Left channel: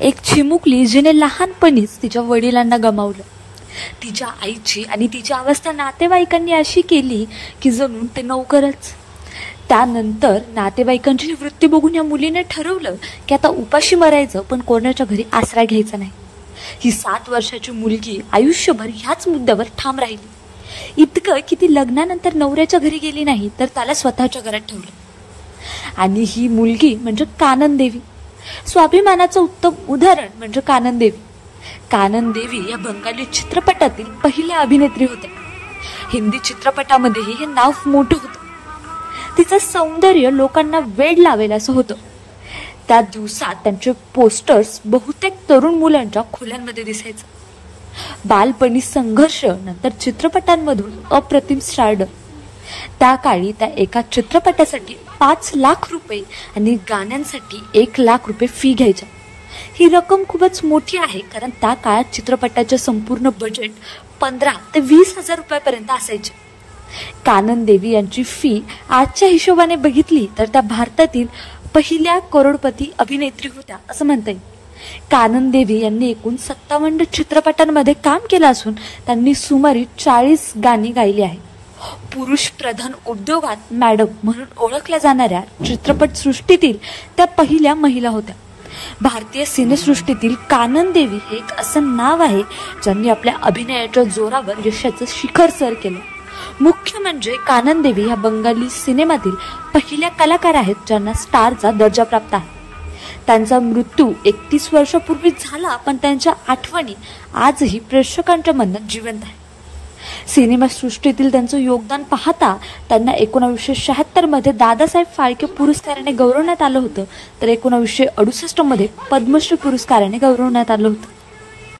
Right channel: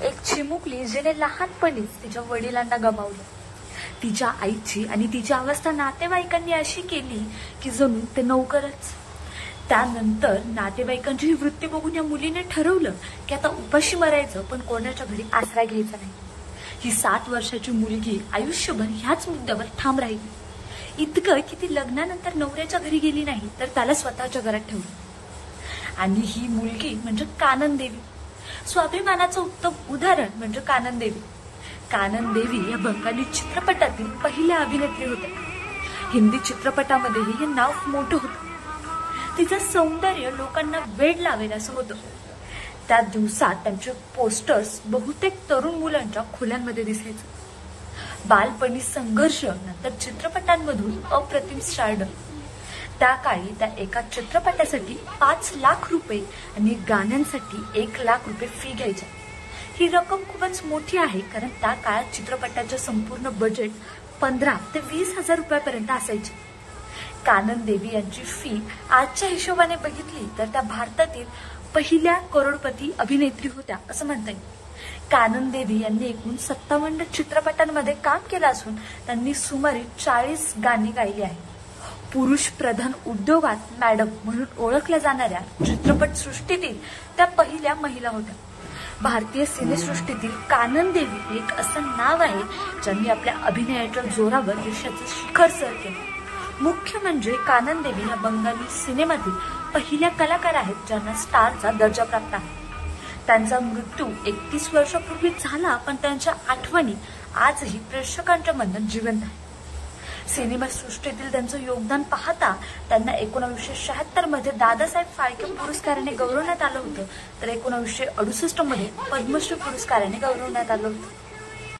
एक चिमुकली जिने लहानपणीच तिच्या वडिलांना गमावलं. तिच्या आईची आणि तिची अवस्था नातेवाईकांनी अशी केली की जणू ते नोकरच. त्यानंतर नातेवाईकांची वृत्ती बघून या मुलीने ठरवलं की आता उपाशी मरायचं, पण कोणाच्या घरी आसरा घ्यायचा नाही. ही 7 वर्षाची मुलगी आयुष्यभर ह्याच मुद्द्यावर ठाम राहिली. इतकं की ती लग्नानंतर नवऱ्याच्या घरी गेली नाही, तर त्याला स्वतःच्या घरात ठेवलं. आणि ही मुलगी म्हणजे कानन देवी. स्वाभिमानाचं उत्तम उदाहरण म्हणजे कानन देवी. कानन देवी या बंगाली चित्रपटातील पहिल्या अभिनेत्री होत्या. हिंदी चित्रपटामध्येही हे नाव मोठं होतं. तिचं सौंदर्य लोकांना वेड लावेल असं होतं. त्या दिवसात त्यांचे पोस्टर्स बहुतेक तरुण मुलांच्या खोल्यांमध्ये दिसायचं. बालपणी संघर्ष, नंतर चित्रपटांमधून अप्रतिम स्टारडम. त्या काळी त्या एका चित्रपटासाठी 5 लाख रुपये आणि गाण्यांसाठी 1 लाख रुपये फी घ्यायच्या. ही रक्कम खूपच मोठी आहे, कारण त्या काळात चित्रपटाचे संपूर्ण बजेट 15 ते 20 हजार रुपयापर्यंत असायचे. कानन देवी यांची फी आजच्या हिशोबाने बघितली तर त्या भारतातील पहिल्या करोडपती अभिनेत्री होत्या असं म्हणता येईल. कानन देवी यांनी एकूण 57 चित्रपटांमध्ये काम केलं असून त्यांनी सुमारे 40 गाणी गायली आहेत. पुरुष प्रधान उद्योगात मॅडम म्हणून ओळखल्या जाणाऱ्या चित्रपट सृष्टीतील त्या पहिल्या महिला होत्या. भारतीय सिनेसृष्टीतील कानन देवी हे एक असं नाव आहे ज्यांनी आपल्या अभिनयाच्या जोरावर यशाचं शिखर सर केलं. मुख्य म्हणजे कानन देवी या बंगाली सिनेमातील पहिल्या कलाकार आहेत ज्यांना स्टारचा दर्जा प्राप्त आहे. त्यांचा मृत्यू 31 वर्षापूर्वी झाला, पण त्यांच्या आठवणी आजही प्रेक्षकांच्या मनात जिवंत आहे. सिनेमासृष्टीतील त्यांचं योगदान पाहता त्यांना 1976 मध्ये दादासाहेब फाळके पुरस्काराने गौरवण्यात आलं होतं, तर 1968 मध्ये पद्मश्री पुरस्काराने गौरवण्यात आलं होतं.